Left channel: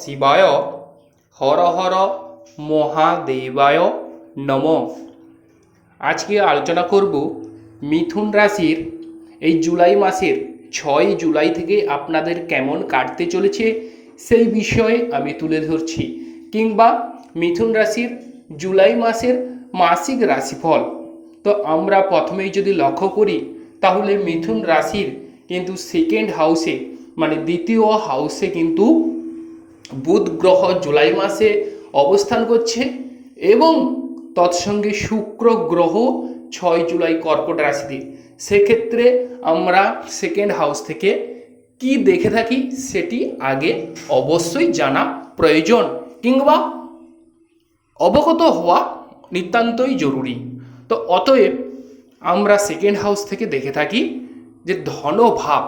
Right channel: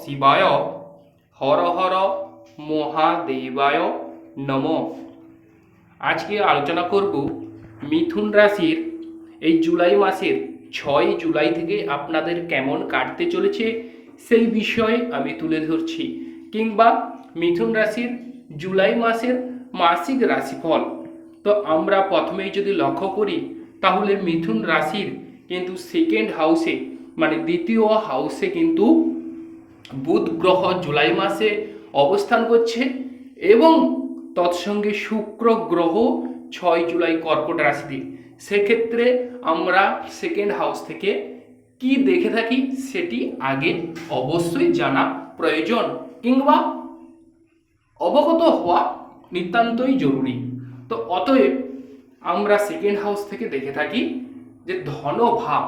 শিবায় হর হর মহাদেবায় নম। আজকে আলোচনা করব মিথুন রাশির এই জুলাই মাসের ছয় জুলাই থেকে আপনাদের কেমন কাটতে চলেছে সেই বিষয়ে আমি তুলে ধরছি কিংবা মিথুন রাশির জুলাই মাসের মাসিক রাশিফল। তো আমরা প্রথমেই যদি লক্ষ্য করি, তাহলে মিথুন রাশির কিন্তু সেকেন্ড হাউসে মানে দ্বিতীয় হাউসে কিন্তু বুধ গ্রহ জুলাই মাসে অবস্থান করছে এবং তৎসঙ্গে শুক্র গ্রহ ছয় জুলাই কর্কট রাশিতে। সেক্ষেত্রে আমরা সেকেন্ড হাউস থেকে কি দেখে থাকি সেটি আগে অবশ্যই জানা প্রয়োজন কিংবা অবগত হওয়া নিতান্তই জরুরি। তো অতএব আমরা সেকেন্ড হাউস থেকে দেখে থাকি যে ধনভাব।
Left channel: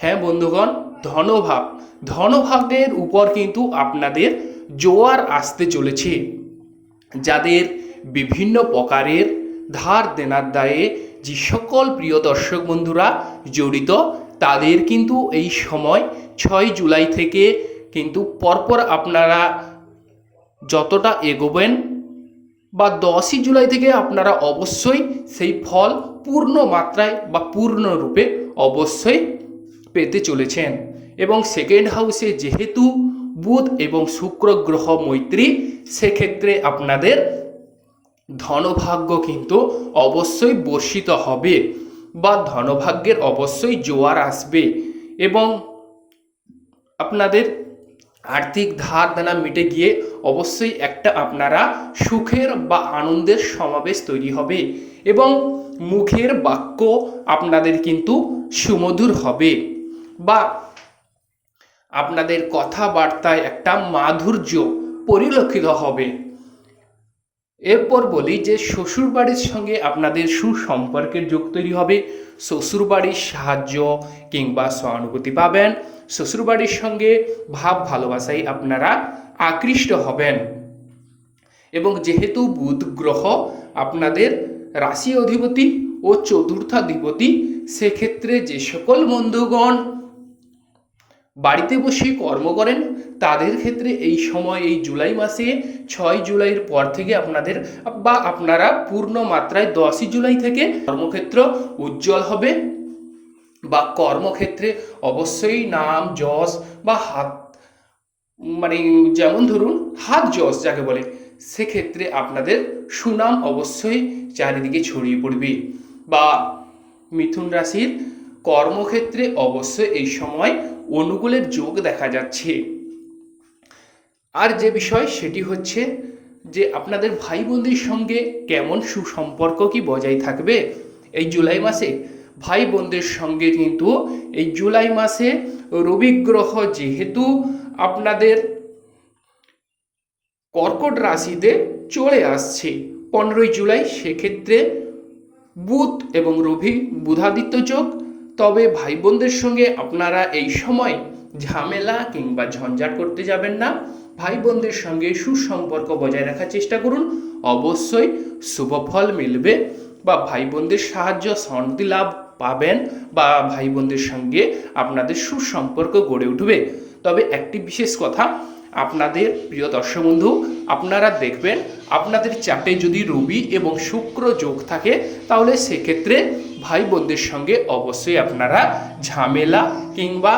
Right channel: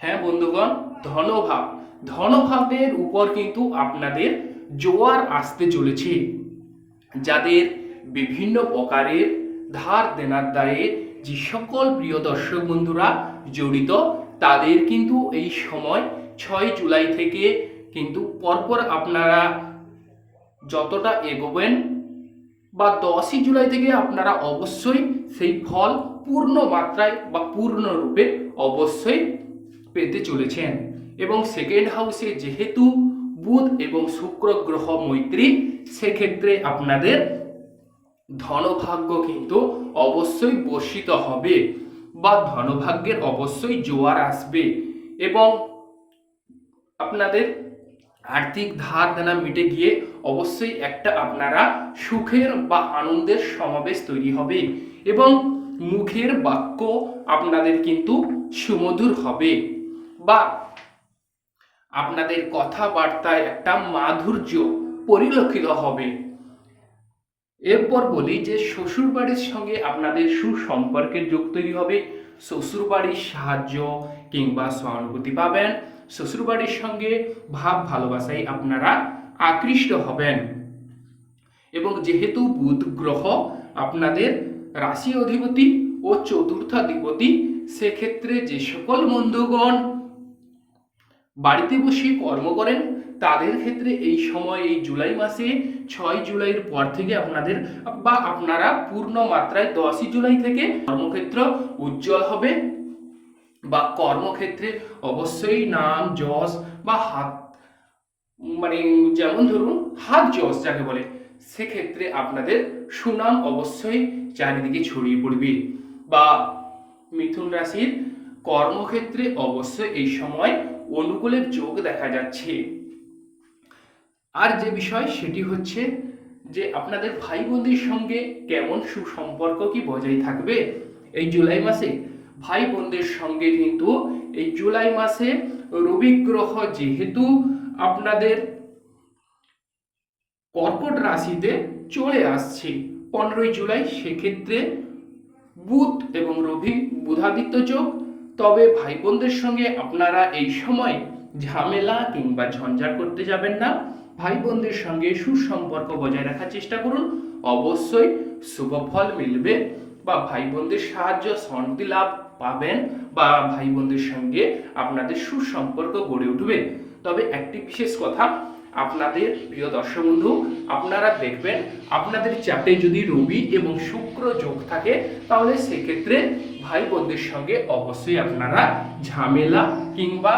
হ্যাঁ বন্ধুগণ ধনভাব। ধনভাবের উপর কিন্তু আপনাদের জোয়ার আসতে চলেছে। যাদের বিভিন্ন প্রকারের ধার দেনার দায়ে যে সকল প্রিয় দর্শক বন্ধুরা জড়িত, তাদের কিন্তু এই সময় ছয় জুলাই থেকে কিন্তু পরপর আপনারা যতটা এগোবেন বা দশই জুলাই থেকে আপনারা অবশ্যই সেই ফল পূর্ণ মাত্রায় বা পূর্ণরূপে অবশ্যই পেতে চলেছেন। এবং সেকেন্ড হাউসে যেহেতু বুধ এবং শুক্র গ্রহ মৈত্রী, সেক্ষেত্রে আপনাদের ধনভাগ্য কিন্তু অবশ্যই বর্ষিত হবে বা ধনভাগ্যের অবশ্যই জোয়ার আসবে এবং আপনাদের আর্থিক ধার দেনা মিটে গিয়ে অবশ্যই একটা আপনারা সুখের বা আনন্দের সমাবেশ তৈরি হবে এবং মুখের বাক্য আপনাদের কিন্তু সুমধুর হবে বা আপনাদের কথাবার্তায় একটা মাধুর্য পরিলক্ষিত হবে। এরপর বলি যে শ্বশুরবাড়ির সঙ্গে আপনাদের সুসম্পর্কের যোগ তৈরি হবে। শ্বশুরবাড়ির সাহায্য কিংবা সহানুভূতি পাবেন। শ্বশুরবাড়ির সঙ্গে ভাব ভালোবাসায় আপনারা আকৃষ্ট হবেন। এবং যেহেতু বুধ গ্রহ আপনাদের রাশি অধিপতি ও চতুর্থাধিপতি সেক্ষেত্রে যে সকল বন্ধুগণ বাড়িতে বসে কর্ম করেন, তাদের ক্ষেত্রে এই সময়, এই জুলাই মাসে, ছয় জুলাইয়ের পর থেকে আপনাদের বা আপনারা পূর্ণ মাত্রায় দশই জুলাই থেকে কর্মক্ষেত্র উজ্জ্বল হবে বা কর্মক্ষেত্রে অবশ্যই নাম, যশ বা হাত মানে যেমন ধরুন, হাত যশ যাকে বলে, সেক্ষেত্রে আপনাদের সুনাম অবশ্যই চারিদিকে ছড়িয়ে পড়বে বা মিথুন রাশির কর্মক্ষেত্রে অবশ্যই এই সময় অনুকূলের যোগ দেখা যাচ্ছে। আর যে বিষয় সেটি হচ্ছে যে আপনাদের ভাই বোনদের সঙ্গে কেমন সুসম্পর্ক কি বজায় থাকবে এই জুলাই মাসে? ভাই বোনদের সঙ্গে কিন্তু এই জুলাই মাসে রবি গ্রহ যেহেতু আপনাদের কর্কট রাশিতে চলে আসছে, পনেরোই জুলাই সেক্ষেত্রে বুধ এবং রবি বুধাদিত্য যোগ তবে ভাই বোনদের সঙ্গে আপনারা এই সময় ঝামেলা কিংবা ঝঞ্ঝাট করতে যাবেন না। ভাই বোনদের সঙ্গে সুসম্পর্ক বজায় রাখার চেষ্টা করুন। অবশ্যই শুভ ফল মিলবে বা ভাই বোনদের সাহায্য, শান্তি লাভ পাবেন বা ভাই বোনদের সঙ্গে আপনাদের সুসম্পর্ক গড়ে উঠবে। তবে একটি বিশেষ কথা আপনাদের প্রিয় দর্শক বন্ধু, আপনারা দেখবেন আপনাদের চাটে যদি রবি এবং শুক্র যোগ থাকে, তাহলে সেক্ষেত্রে ভাই বোনদের সঙ্গে অবশ্যই আপনারা ঝামেলা কিংবা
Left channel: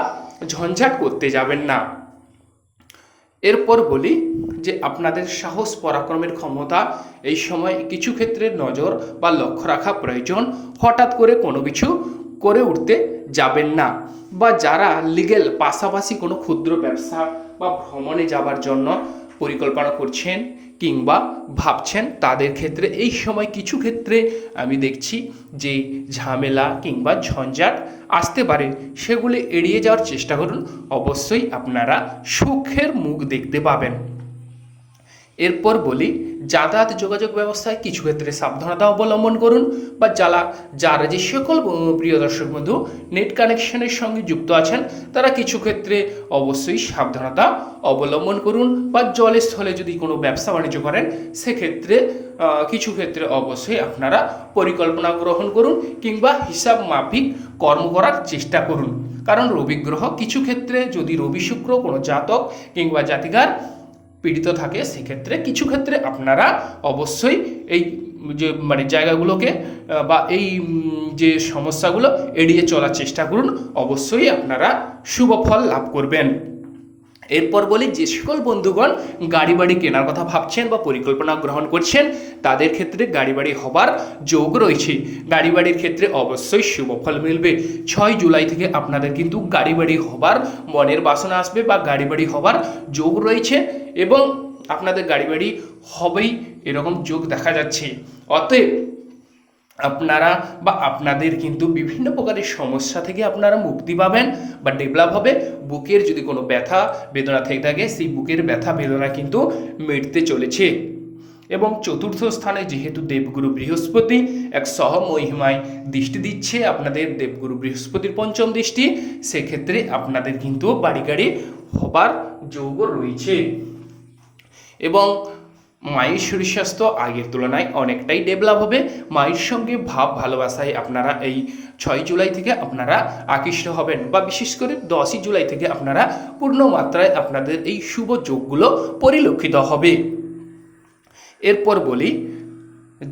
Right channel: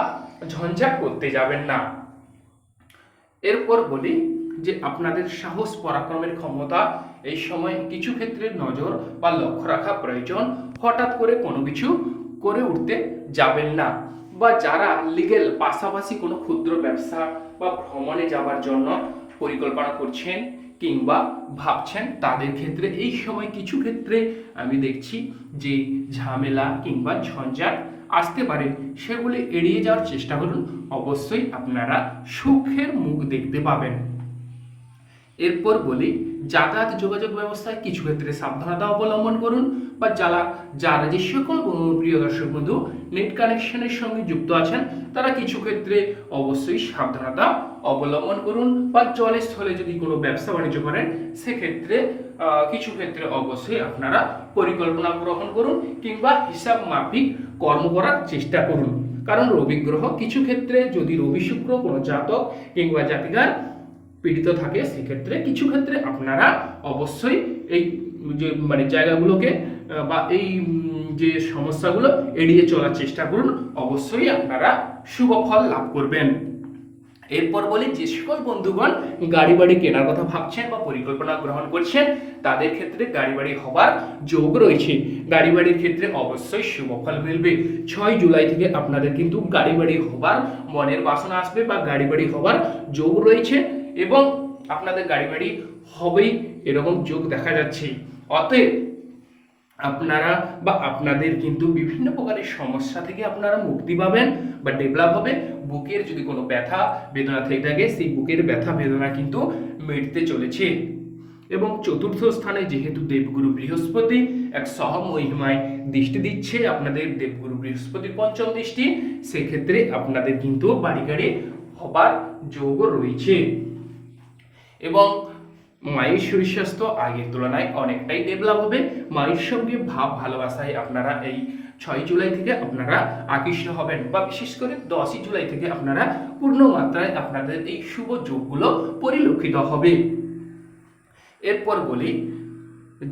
ঝঞ্ঝাট করতে যাবেন না। এরপর বলি যে আপনাদের সাহস পরাক্রমের ক্ষমতা, এই সময় কিছু ক্ষেত্রে নজর বা লক্ষ্য রাখা প্রয়োজন। হঠাৎ করে কোনো কিছু করে উঠতে যাবেন না বা যারা লিগেল পাশাপাশি কোনো ক্ষুদ্র ব্যবসা বা ভ্রমণে যাবার জন্য পরিকল্পনা করছেন কিংবা ভাবছেন তাদের ক্ষেত্রে, এই সময় কিছু ক্ষেত্রে আমি দেখছি যে ঝামেলা কিংবা ঝঞ্ঝাট আসতে পারে, সেগুলি এড়িয়ে যাওয়ার চেষ্টা করুন। অবশ্যই আপনারা সুখের মুখ দেখতে পাবেন। এরপর বলি, যাতায়াত যোগাযোগ ব্যবস্থায় কিছু ক্ষেত্রে সাবধানতা অবলম্বন করুন বা যারা যারা যে সকল প্রিয় দর্শক বন্ধু নেট কানেকশনের সঙ্গে যুক্ত আছেন, তারা কিছু ক্ষেত্রে অবশ্যই সাবধানতা অবলম্বন করুন বা জলের স্থলে যদি কোনো ব্যবসা বাণিজ্য করেন, সেক্ষেত্রে কিছু ক্ষেত্রে অবশ্যই আপনারা পরিকল্পনা গ্রহণ করুন কিংবা হিসাব মাফিক কর্ম করার চেষ্টা করুন। কারণ রবি গ্রহ কিছু ক্ষেত্রে যদি রবি শুক্র কোনো জাতক কিংবা জাতিকার পীড়িত থাকে, সেক্ষেত্রে কিছু ক্ষেত্রে আপনারা অবশ্যই এই যে মানে জায়গাগুলোকে বা এই যে সমস্যাগুলো এড়িয়ে চলার চেষ্টা করুন, অবশ্যই আপনারা শুভ ফল লাভ করবেন। এরপর বলি, যে সকল বন্ধুগণ গাড়ি বাড়ি কেনার কথা ভাবছেন বা পরিকল্পনা গ্রহণ করছেন, তাদের ক্ষেত্রে গাড়ি বাড়ি হবার যোগ রয়েছে। গাড়ি বাড়ির ক্ষেত্রে অবশ্যই শুভ ফল মিলবে। ছয় জুলাই থেকে আপনাদের কিন্তু গাড়ি বাড়ি হবার মনের বাসনা আসবে বা গাড়ি বাড়ি হবার যোগ রয়েছে। এবং আপনাদের গাড়ি বাড়ি হবেই এরকম যোগ দেখা যাচ্ছে। অতএব আপনারা বা আপনাদের কিন্তু বিভিন্ন প্রকারের সমস্যা থেকে আপনারা মুক্তি পাবেন বা ডেভেলপ হবে। বুকের যদি কোনো ব্যথা, বেদনা থেকে থাকে, সেই বুকের ব্যথা, বেদনা কিন্তু মিটতে চলেছে। এবং চতুর্থ স্থানে যেহেতু দেবগুরু বৃহস্পতি, এক সহমহিমায় দৃষ্টি দিচ্ছে আপনাদের দেবগুরু বৃহস্পতির পঞ্চম দৃষ্টি, সেক্ষেত্রে আপনাদের কিন্তু বাড়ি গাড়ি হবার যোগ রয়েছে। এবং মায়ের শরীর স্বাস্থ্য আগের তুলনায় অনেকটাই ডেভেলপ হবে। মায়ের সঙ্গে ভাব ভালোবাসায় আপনারা এই ছয় জুলাই থেকে আপনারা আকৃষ্ট হবেন বা বিশেষ করে দশই জুলাই থেকে আপনারা পূর্ণ মাত্রায় আপনাদের এই শুভ যোগগুলো পরিলক্ষিত হবে। এরপর বলি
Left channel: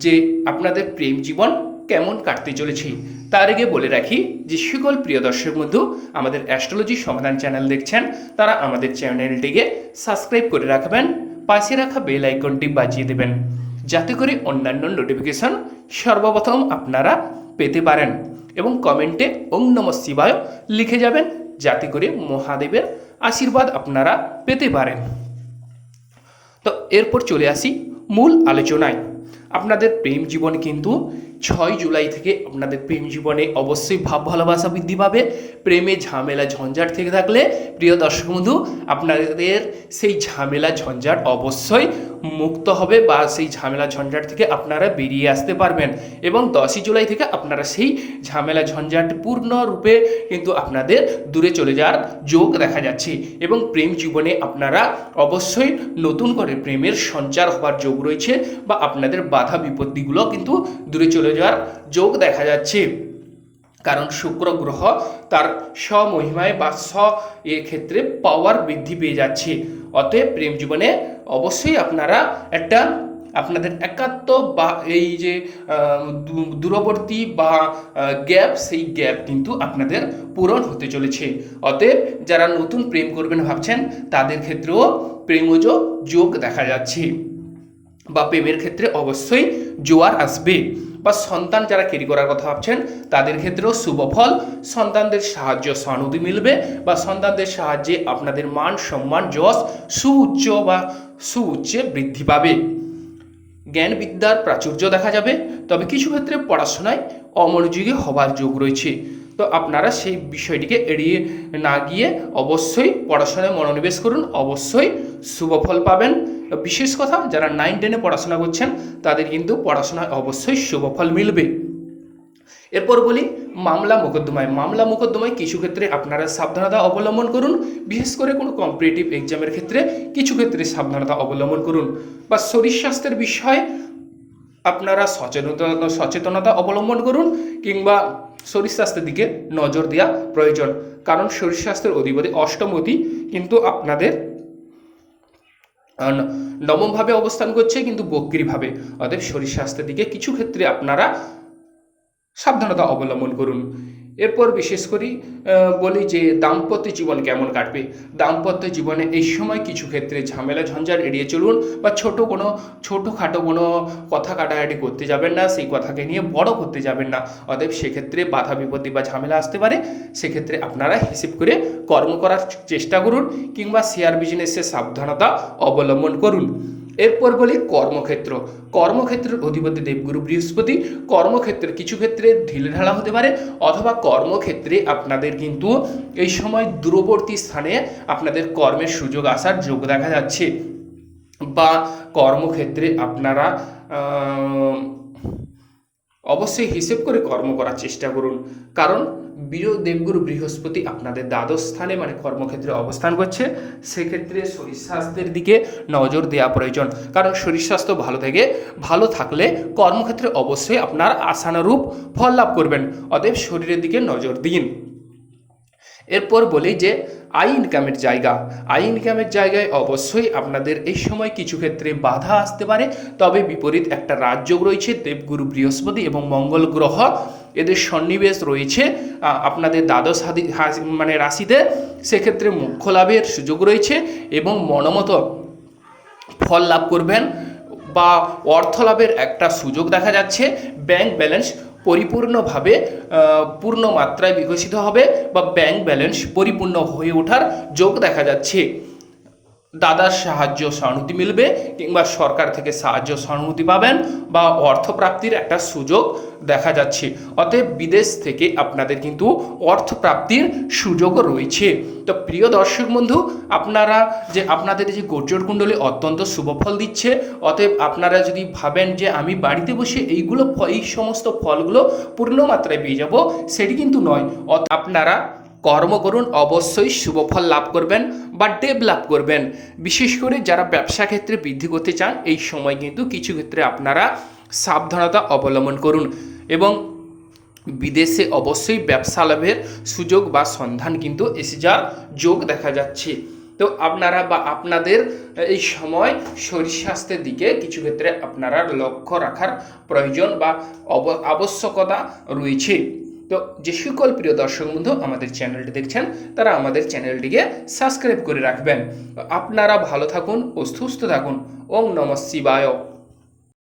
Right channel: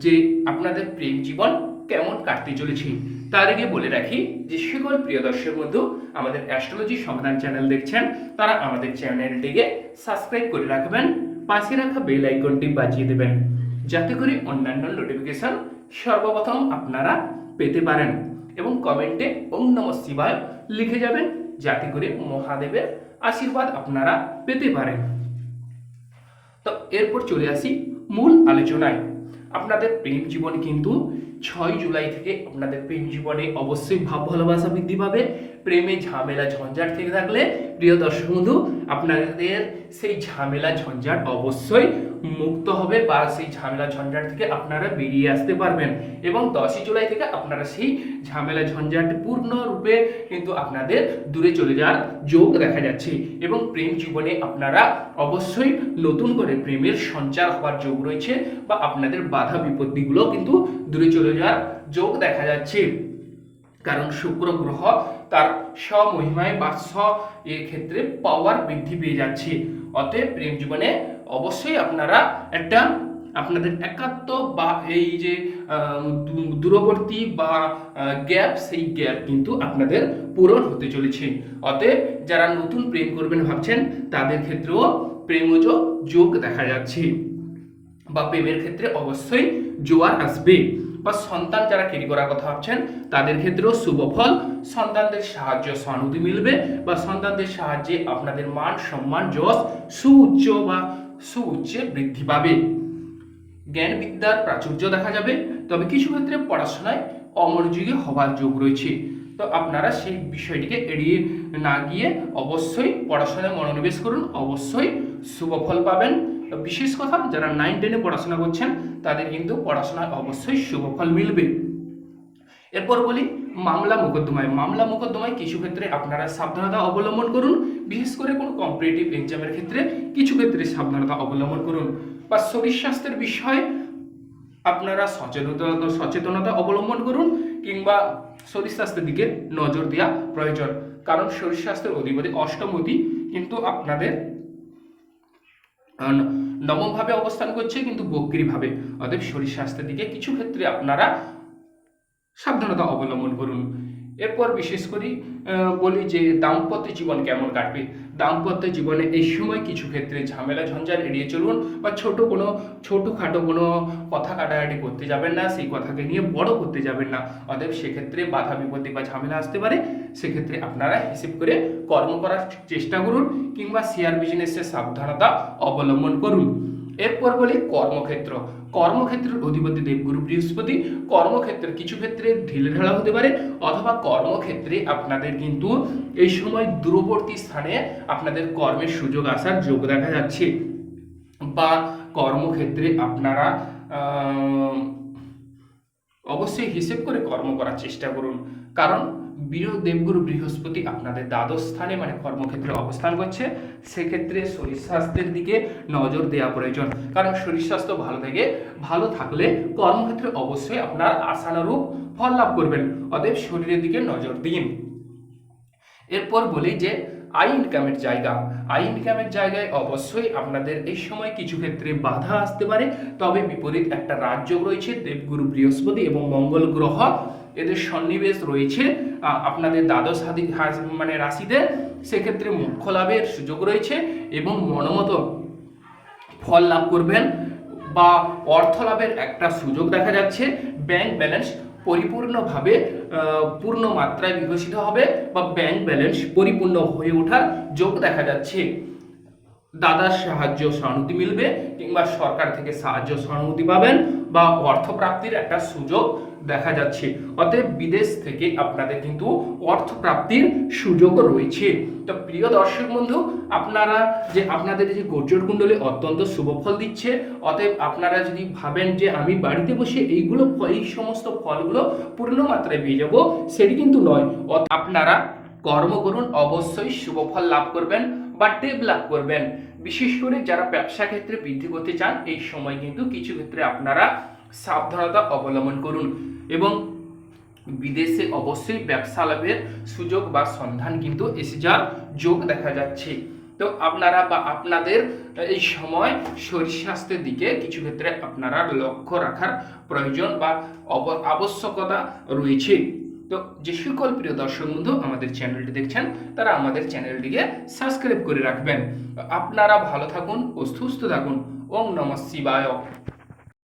যে আপনাদের প্রেম জীবন কেমন কাটতে চলেছে। তার আগে বলে রাখি যে সকল প্রিয় দর্শক বন্ধু, আমাদের অ্যাস্ট্রোলজি সমাধান চ্যানেল দেখছেন, তারা আমাদের চ্যানেলটিকে সাবস্ক্রাইব করে রাখবেন। পাশে রাখা বেল আইকনটি বাজিয়ে দেবেন। যাতে করে অন্যান্য নোটিফিকেশন সর্বপ্রথম আপনারা পেতে পারেন এবং কমেন্টে ওম নম শিবায় লিখে যাবেন, যাতে করে মহাদেবের আশীর্বাদ আপনারা পেতে পারেন। তো এরপর চলে আসি মূল আলোচনায়। আপনাদের প্রেম জীবন কিন্তু ছয় জুলাই থেকে আপনাদের প্রেম জীবনে অবশ্যই ভাব ভালোবাসা বৃদ্ধি পাবে। প্রেমে ঝামেলা ঝঞ্ঝাট থেকে থাকলে, প্রিয় দর্শক বন্ধু, আপনাদের সেই ঝামেলা ঝঞ্ঝাট অবশ্যই মুক্ত হবে বা সেই ঝামেলা ঝঞ্ঝাট থেকে আপনারা বেরিয়ে আসতে পারবেন। এবং দশই জুলাই থেকে আপনারা সেই ঝামেলা ঝঞ্ঝাট পূর্ণরূপে কিন্তু আপনাদের দূরে চলে যাওয়ার যোগ দেখা যাচ্ছে। এবং প্রেম জীবনে আপনারা অবশ্যই নতুন করে প্রেমের সঞ্চার হওয়ার যোগ রয়েছে বা আপনাদের বাধা বিপত্তিগুলো কিন্তু দূরে চলে যাওয়ার যোগ দেখা যাচ্ছে। কারণ শুক্র গ্রহ তার স্বমহিমায় বা স্ব এ ক্ষেত্রে পাওয়ার বৃদ্ধি পেয়ে যাচ্ছে। অতএব প্রেম জীবনে অবশ্যই আপনারা একটা আপনাদের একাত্ম বা এই যে দূরবর্তী বা গ্যাপ, সেই গ্যাপ কিন্তু আপনাদের পূরণ হতে চলেছে। অতএব যারা নতুন প্রেম করবেন ভাবছেন, তাদের ক্ষেত্রেও প্রেমজ যোগ দেখা যাচ্ছে বা প্রেমের ক্ষেত্রে অবশ্যই জোয়ার আসবে। বা সন্তান যারা ক্যারি করার কথা ভাবছেন, তাদের ক্ষেত্রেও শুভ ফল। সন্তানদের সাহায্য সহানুভূতি মিলবে বা সন্তানদের সাহায্যে আপনাদের মান সম্মান যশ সুউচ্চ বা সুউচ্চে বৃদ্ধি পাবে। জ্ঞান বিদ্যার প্রাচুর্য দেখা যাবে। তবে কিছু ক্ষেত্রে পড়াশোনায় অমনোযোগী হবার যোগ রয়েছে। তো আপনারা সেই বিষয়টিকে এড়িয়ে না গিয়ে অবশ্যই পড়াশোনায় মনোনিবেশ করুন। অবশ্যই শুভ ফল পাবেন। বিশেষ কথা, যারা নাইন টেনে পড়াশোনা করছেন, তাদের কিন্তু পড়াশোনায় অবশ্যই শুভ ফল মিলবে। এরপর বলি, মামলা মোকদ্দমায়। মামলা মোকদ্দমায় কিছু ক্ষেত্রে আপনারা সাবধানতা অবলম্বন করুন, বিশেষ করে কোনো কম্পিটিটিভ এক্সামের ক্ষেত্রে কিছু ক্ষেত্রে সাবধানতা অবলম্বন করুন। বা শরীর স্বাস্থ্যের বিষয়ে আপনারা সচেতনতা সচেতনতা অবলম্বন করুন, কিংবা শরীর স্বাস্থ্যের দিকে নজর দেওয়া প্রয়োজন। কারণ শরীর স্বাস্থ্যের অধিপতি অষ্টমতি কিন্তু আপনাদের নবমভাবে অবস্থান করছে, কিন্তু বক্রিভাবে। অতএব শরীর স্বাস্থ্যের দিকে কিছু ক্ষেত্রে আপনারা সাবধানতা অবলম্বন করুন। এরপর বিশেষ করি বলি যে দাম্পত্য জীবন কেমন কাটবে? দাম্পত্য জীবনে এই সময় কিছু ক্ষেত্রে ঝামেলা ঝঞ্ঝাট এড়িয়ে চলুন বা ছোট কোনো, ছোটোখাটো কোনো কথা কাটাকাটি করতে যাবেন না, সেই কথাকে নিয়ে বড় করতে যাবেন না। অতএব সেক্ষেত্রে বাধা, বিপত্তি বা ঝামেলা আসতে পারে। সেক্ষেত্রে আপনারা হিসেব করে কর্ম করার চেষ্টা করুন কিংবা শেয়ার বিজনেসে সাবধানতা অবলম্বন করুন। এরপর বলি কর্মক্ষেত্র। কর্মক্ষেত্রের অধিপতি দেবগুরু বৃহস্পতি, কর্মক্ষেত্রের কিছু ক্ষেত্রে ঢিলেঢালা হতে পারে, অথবা কর্মক্ষেত্রে আপনাদের কিন্তু এই সময় দূরবর্তী স্থানে আপনাদের কর্মের সুযোগ আসার যোগ দেখা যাচ্ছে। বা কর্মক্ষেত্রে আপনারা অবশ্যই হিসেব করে কর্ম করার চেষ্টা করুন। কারণ বীর দেবগুরু বৃহস্পতি আপনাদের দ্বাদশ স্থানে মানে কর্মক্ষেত্রে অবস্থান করছে, সেক্ষেত্রে শরীর স্বাস্থ্যের দিকে নজর দেওয়া প্রয়োজন। কারণ শরীর স্বাস্থ্য ভালো থেকে ভালো থাকলে কর্মক্ষেত্রে অবশ্যই আপনার আশানুরূপ ফল লাভ করবেন। অতএব শরীরের দিকে নজর দিন। এরপর বলি যে আই ইনকামের জায়গা। আই ইনকামের জায়গায় অবশ্যই আপনাদের এই সময় কিছু ক্ষেত্রে বাধা আসতে পারে। তবে বিপরীত একটা রাজযোগ রয়েছে, দেবগুরু বৃহস্পতি এবং মঙ্গল গ্রহ এদের সন্নিবেশ রয়েছে আপনাদের দ্বাদশ মানে রাশিতে, সেক্ষেত্রে মোক্ষ লাভের সুযোগ রয়েছে এবং মনোমতো ফল লাভ করবেন বা অর্থ লাভের একটা সুযোগ দেখা যাচ্ছে ব্যাংক ব্যালেন্স পরিপূর্ণভাবে পূর্ণ মাত্রায় বিকশিত হবে বা ব্যাংক ব্যালেন্স পরিপূর্ণ হয়ে ওঠার যোগ দেখা যাচ্ছে। দাদার সাহায্য সহানুভূতি মিলবে কিংবা সরকার থেকে সাহায্য সহানুভূতি পাবেন বা অর্থপ্রাপ্তির একটা সুযোগ দেখা যাচ্ছে। অতএব বিদেশ থেকে আপনাদের কিন্তু অর্থপ্রাপ্তির সুযোগও রয়েছে। তো প্রিয় দর্শক বন্ধু, আপনারা যে আপনাদের যে গোচর কুণ্ডলী অত্যন্ত শুভফল দিচ্ছে, অতএব আপনারা যদি ভাবেন যে আমি বাড়িতে বসে এইগুলো এই সমস্ত ফলগুলো পূর্ণ মাত্রায় পেয়ে যাব, সেটি কিন্তু নয়। আপনারা কর্ম করুন, অবশ্যই শুভফল লাভ করবেন বা ডেভেলপ করবেন। বিশেষ করে যারা ব্যবসা ক্ষেত্রে বৃদ্ধি করতে চান, এই সময় কিন্তু কিছু ক্ষেত্রে আপনারা সাবধানতা অবলম্বন করুন এবং বিদেশে অবশ্যই ব্যবসা লাভের সুযোগ বা সন্ধান কিন্তু এসে যাওয়ার যোগ দেখা যাচ্ছে। তো আপনারা বা আপনাদের এই সময় শরীর স্বাস্থ্যের দিকে কিছু ক্ষেত্রে আপনারা লক্ষ্য রাখার প্রয়োজন বা আবশ্যকতা রয়েছে। তো যে সকল প্রিয় দর্শক বন্ধু আমাদের চ্যানেলটি দেখছেন, তারা আমাদের চ্যানেলটিকে সাবস্ক্রাইব করে রাখবেন। আপনারা ভালো থাকুন ও সুস্থ থাকুন। ওম নম শিবায়।